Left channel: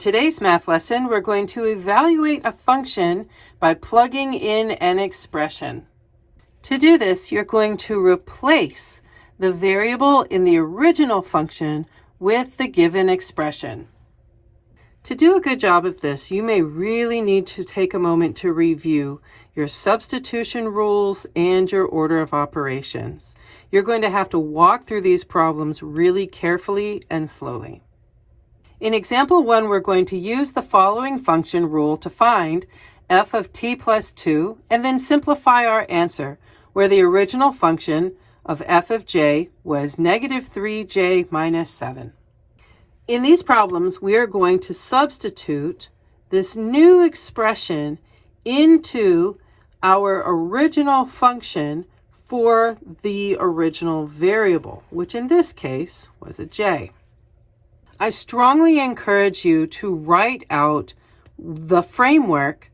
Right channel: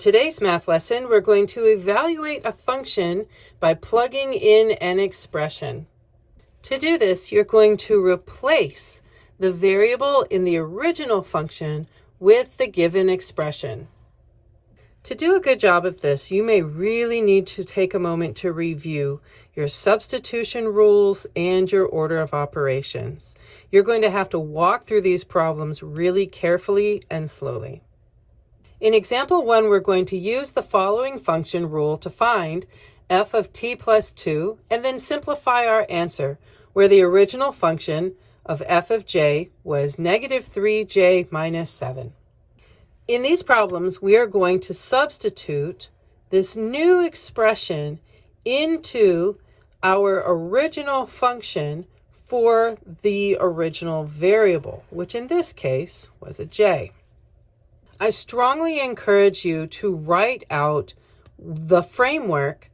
today's math lesson, we're going to evaluate a function by plugging in an expression. To do this, you're going to replace the variable in the original function with the given expression. To do a good job of this, you may really need to take a moment to review your substitution rules and your order of operations. You're going to have to walk through these problems really carefully and slowly. In example 1, we're going to use the following function rule to find f of t plus 2 and then simplify our answer, where the original function of f of j was negative 3j minus 7. In these problems, we are going to substitute this new expression into our original function for the original variable, which in this case was a j. I strongly encourage you to write out the framework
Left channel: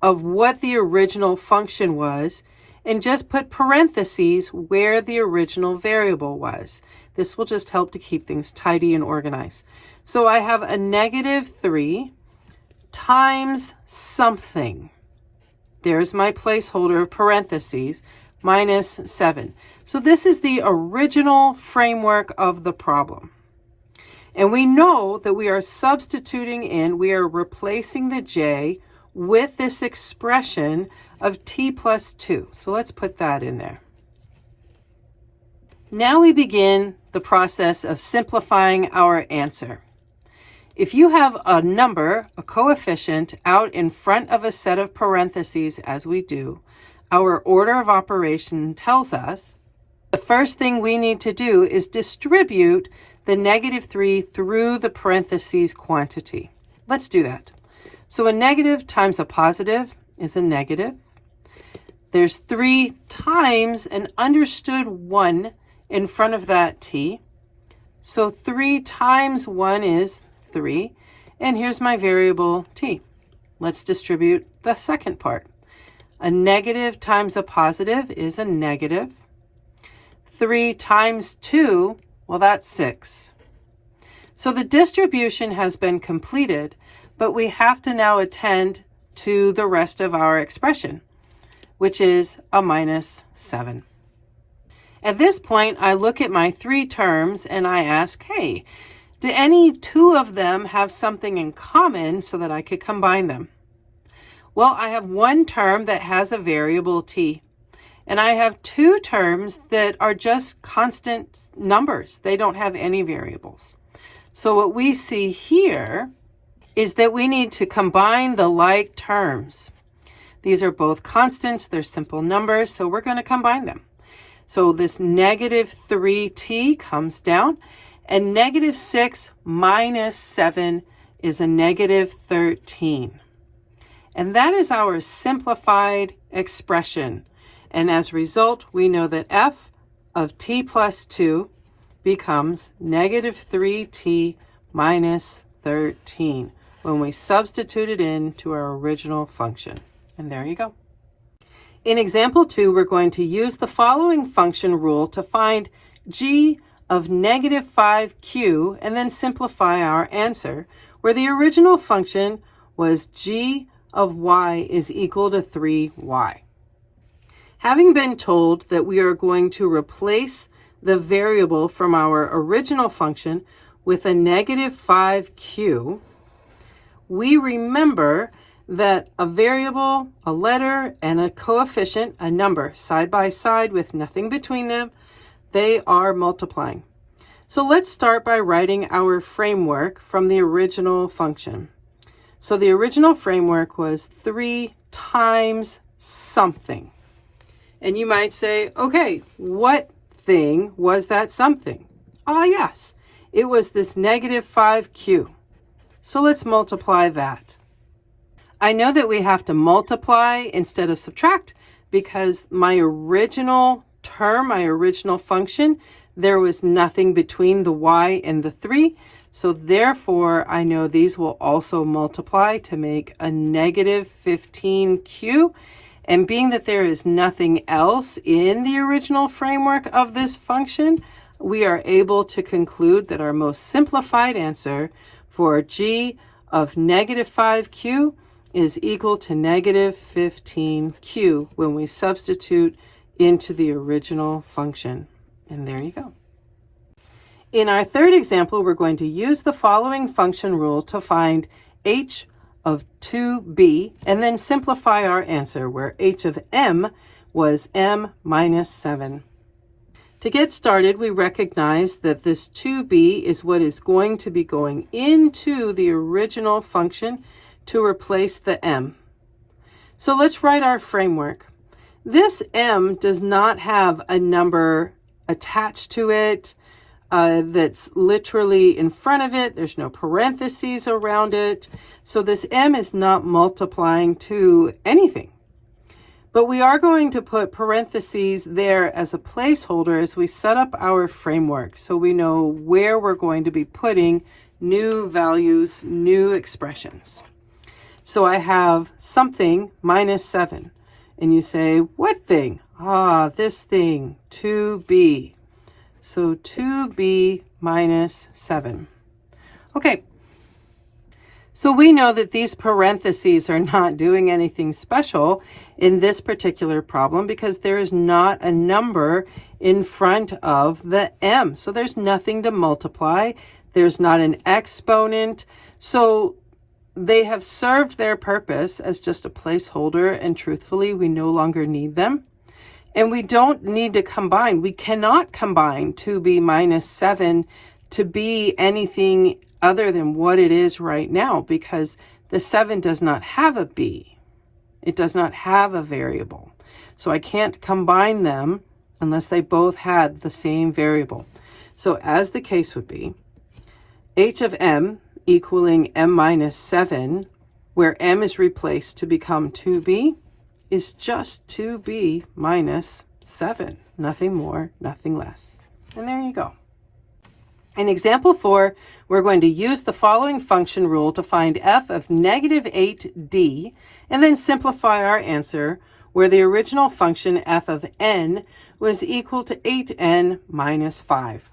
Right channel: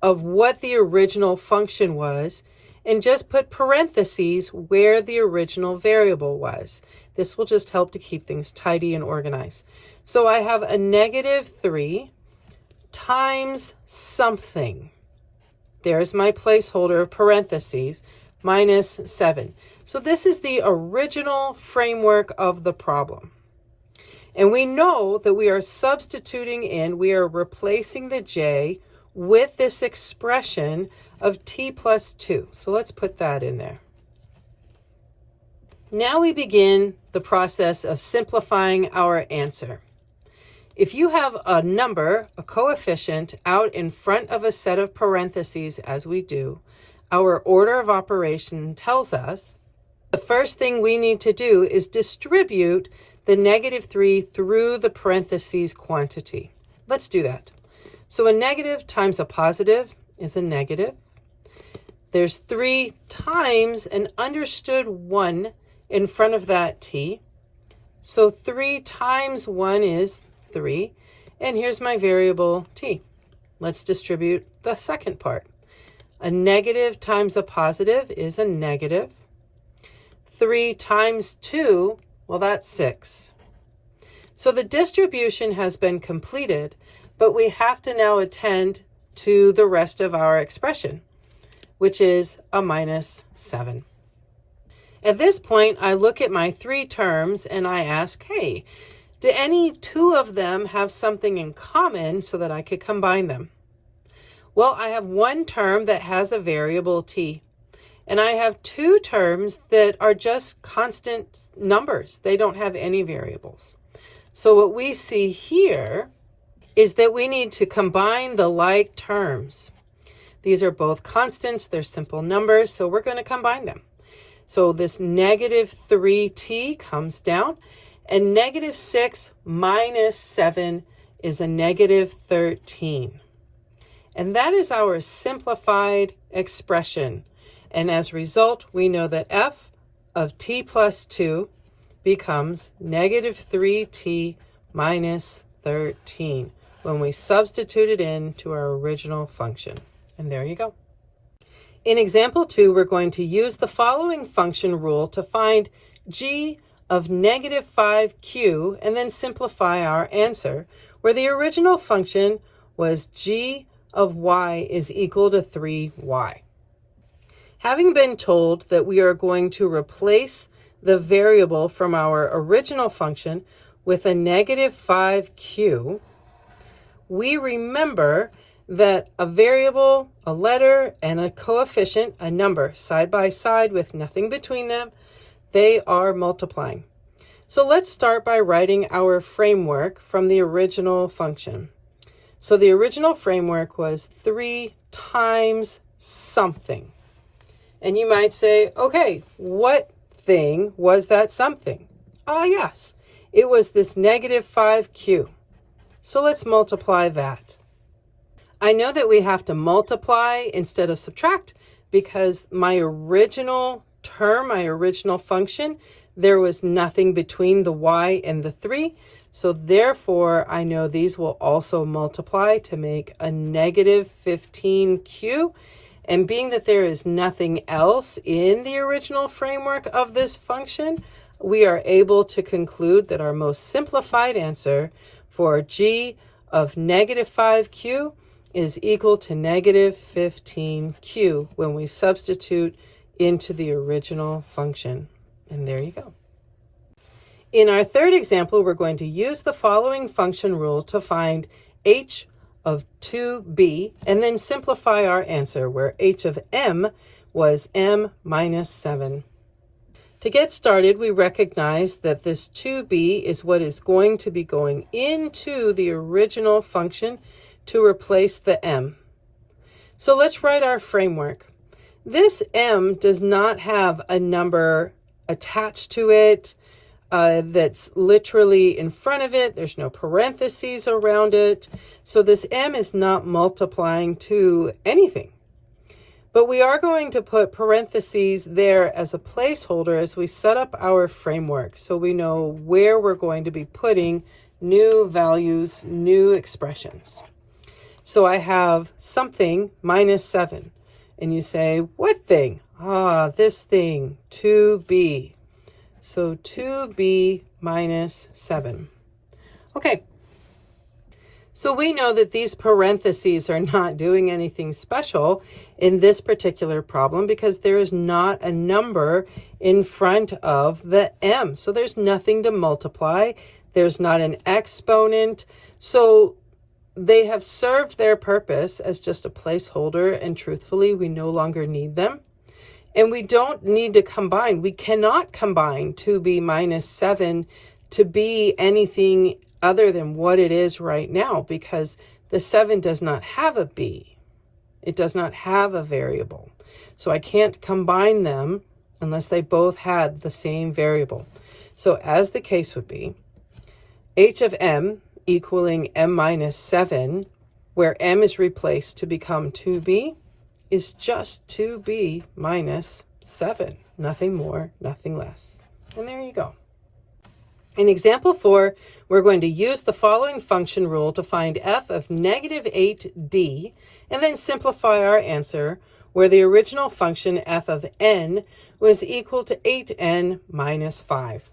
of what the original function was and just put parentheses where the original variable was. This will just help to keep things tidy and organized. So I have a negative 3 times something. There's my placeholder parentheses minus 7. So this is the original framework of the problem. And we know that we are substituting in, we are replacing the j with this expression of t plus 2. So let's put that in there. Now we begin the process of simplifying our answer. If you have a number, a coefficient, out in front of a set of parentheses, as we do, our order of operation tells us the first thing we need to do is distribute the negative 3 through the parentheses quantity. Let's do that. So a negative times a positive is a negative. There's 3 times an understood 1 in front of that t. So 3 times 1 is 3. And here's my variable t. Let's distribute the second part. A negative times a positive is a negative. 3 times 2, well, that's 6. So the distribution has been completed, but we have to now attend to the rest of our expression, which is a minus 7. At this point, I look at my 3 terms and I ask, hey, do any 2 of them have something in common so that I could combine them? Well, I have one term that has a variable t, and I have 2 terms that are just constant numbers. They don't have any variables. So what we see here is that we need to combine the like terms. These are both constants, they're simple numbers, so we're going to combine them. So this negative 3t comes down, and negative 6 minus 7 is a negative 13. And that is our simplified expression. And as a result, we know that f of t plus 2 becomes negative 3t minus 13 when we substitute it into our original function. And there you go. In example 2, we're going to use the following function rule to find g of negative 5q and then simplify our answer, where the original function was g of y is equal to 3y. Having been told that we are going to replace the variable from our original function with a negative 5q, we remember that a variable, a letter, and a coefficient, a number, side by side with nothing between them, they are multiplying. So let's start by writing our framework from the original function. So the original framework was 3 times something. And you might say, okay, what thing was that something? Ah, yes, it was this negative 5q. So let's multiply that. I know that we have to multiply instead of subtract because my original term, my original function, there was nothing between the y and the 3. So therefore, I know these will also multiply to make a negative 15q. And being that there is nothing else in the original framework of this function, we are able to conclude that our most simplified answer for g of negative 5q is equal to negative 15q when we substitute into the original function. And there you go. In our third example, we're going to use the following function rule to find h of 2b and then simplify our answer, where h of m was m minus 7. To get started, we recognize that this 2b is what is going to be going into the original function to replace the m. So let's write our framework. This m does not have a number attached to it that's literally in front of it. There's no parentheses around it. So this m is not multiplying to anything. But we are going to put parentheses there as a placeholder as we set up our framework, so we know where we're going to be putting new values, new expressions. So I have something minus 7. And you say, what thing? This thing, 2b. So 2b minus 7. Okay. So we know that these parentheses are not doing anything special in this particular problem because there is not a number in front of the m. So there's nothing to multiply. There's not an exponent. So they have served their purpose as just a placeholder, and truthfully, we no longer need them. And we don't need to combine. We cannot combine 2b minus 7 to be anything other than what it is right now, because the 7 does not have a b. It does not have a variable. So I can't combine them unless they both had the same variable. So as the case would be, h of m equaling m minus 7, where m is replaced to become 2b, is just 2b minus 7. Nothing more, nothing less. And there you go. In example 4, we're going to use the following function rule to find f of negative 8d and then simplify our answer, where the original function f of n was equal to 8n minus 5.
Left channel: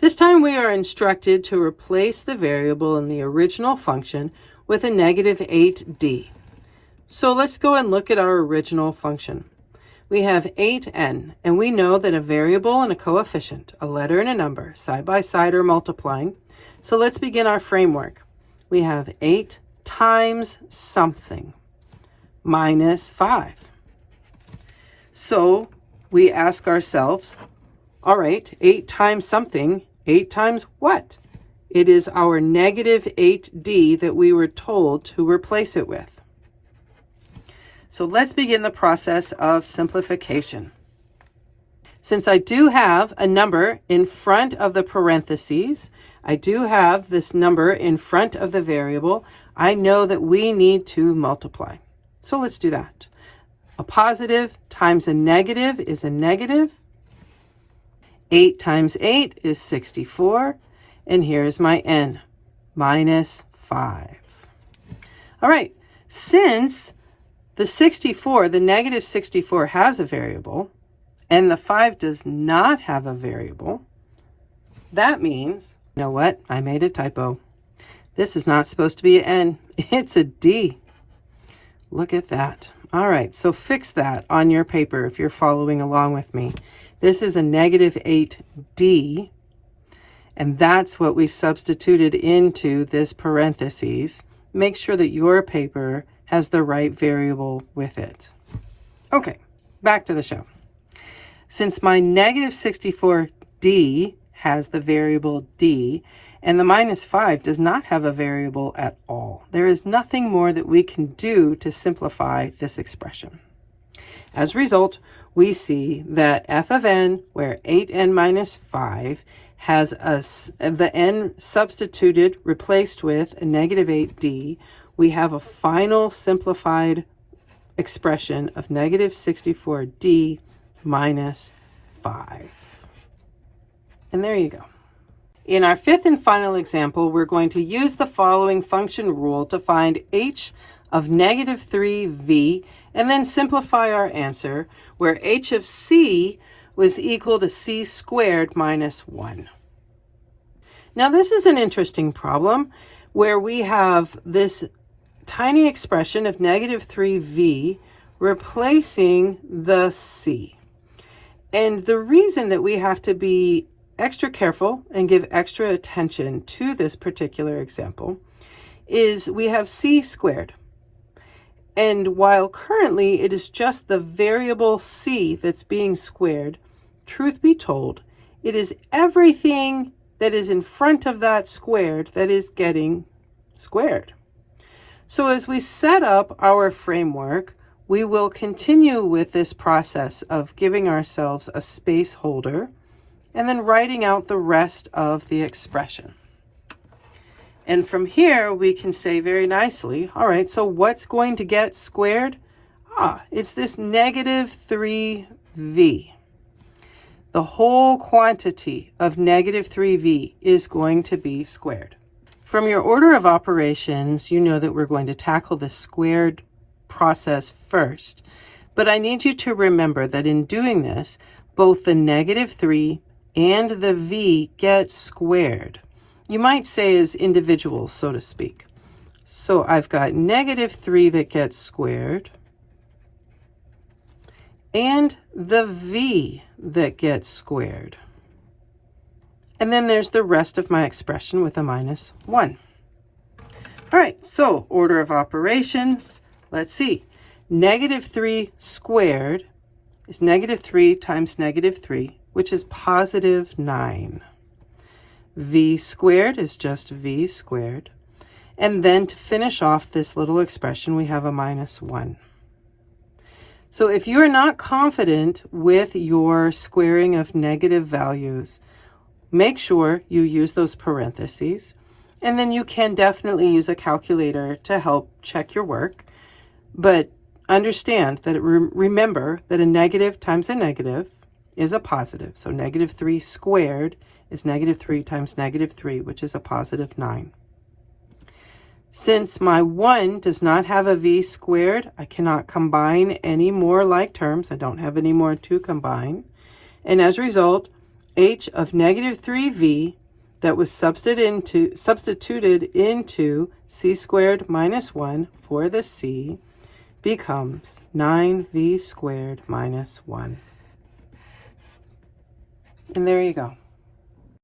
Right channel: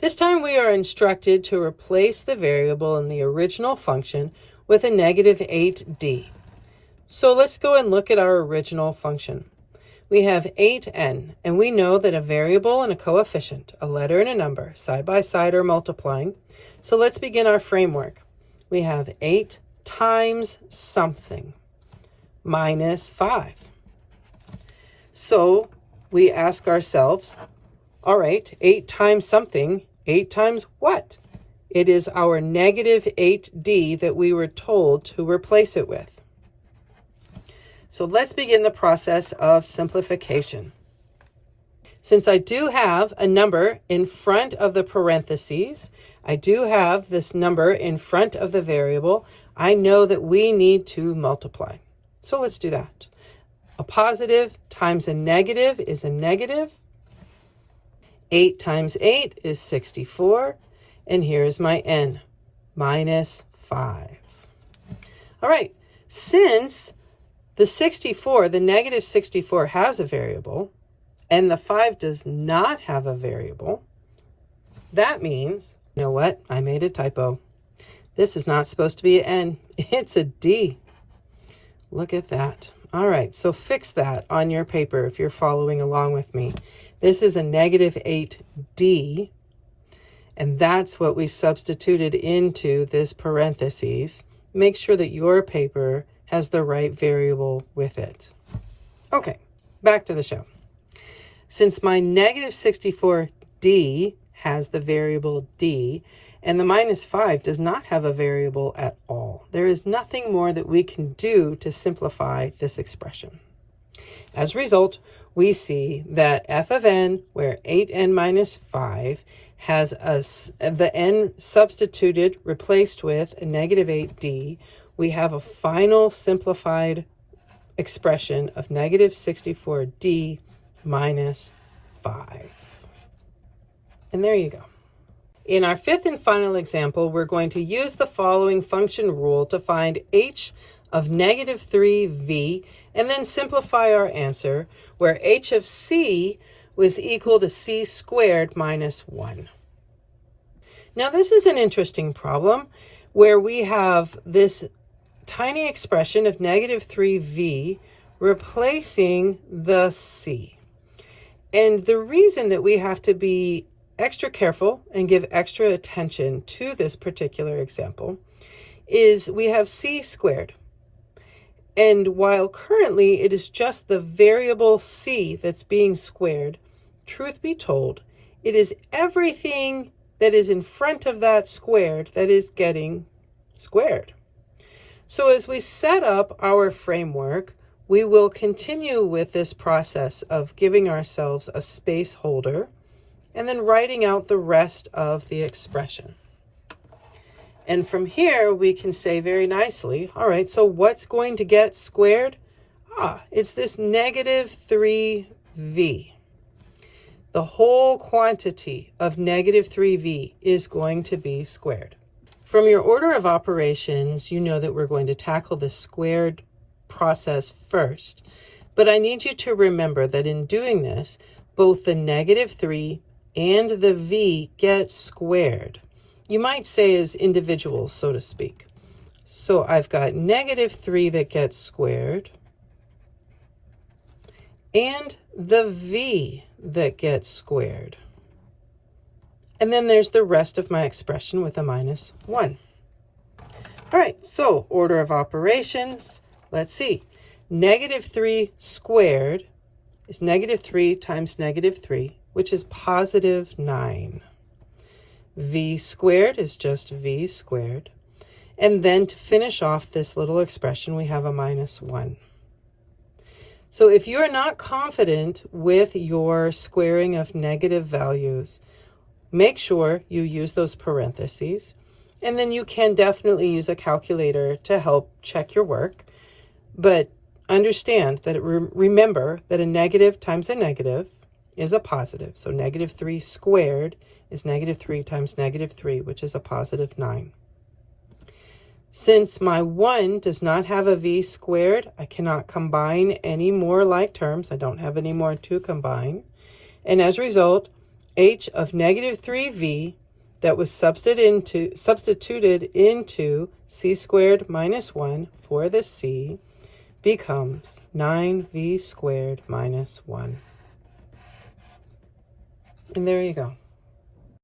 This time we are instructed to replace the variable in the original function with a negative 8d. So let's go and look at our original function. We have 8n, and we know that a variable and a coefficient, a letter and a number, side by side are multiplying. So let's begin our framework. We have 8 times something minus 5. So we ask ourselves, all right, 8 times something, 8 times what? It is our negative 8d that we were told to replace it with. So let's begin the process of simplification. Since I do have a number in front of the parentheses, I do have this number in front of the variable, I know that we need to multiply. So let's do that. A positive times a negative is a negative. 8 times 8 is 64. And here's my n, minus 5. All right, since the 64, the negative 64 has a variable, and the 5 does not have a variable, that means, you know what? I made a typo. This is not supposed to be an n. It's a d. Look at that. All right, so fix that on your paper if you're following along with me. This is a negative 8d, and that's what we substituted into this parentheses. Make sure that your paper has the right variable with it. Okay, back to the show. Since my negative 64d has the variable d, and the minus 5 does not have a variable at all, there is nothing more that we can do to simplify this expression. As a result, we see that f of n, where 8n minus 5, has the n substituted, replaced with a negative 8d, we have a final simplified expression of negative 64d minus 5. And there you go. In our fifth and final example, we're going to use the following function rule to find h of negative 3v and then simplify our answer, where h of c was equal to c squared minus 1. Now this is an interesting problem, where we have this tiny expression of negative 3v replacing the c. And the reason that we have to be extra careful and give extra attention to this particular example is we have c squared. And while currently it is just the variable c that's being squared, truth be told, it is everything that is in front of that squared that is getting squared. So as we set up our framework, we will continue with this process of giving ourselves a space holder and then writing out the rest of the expression. And from here, we can say very nicely, all right, so what's going to get squared? It's this negative 3v. The whole quantity of negative 3v is going to be squared. From your order of operations, you know that we're going to tackle the squared process first. But I need you to remember that in doing this, both the negative 3 and the v get squared. You might say as individuals, so to speak. So I've got negative 3 that gets squared, and the v that gets squared. And then there's the rest of my expression with a minus 1. All right, so order of operations, let's see. Negative 3 squared is negative 3 times negative 3, which is positive 9. V squared is just v squared. And then to finish off this little expression, we have a minus 1. So if you're not confident with your squaring of negative values, make sure you use those parentheses. And then you can definitely use a calculator to help check your work. But understand that remember that a negative times a negative is a positive. So negative 3 squared is negative 3 times negative 3, which is a positive 9. Since my 1 does not have a v squared, I cannot combine any more like terms. I don't have any more to combine. And as a result, h of negative 3v that was substituted into c squared minus 1 for the c becomes 9v squared minus 1. And there you go.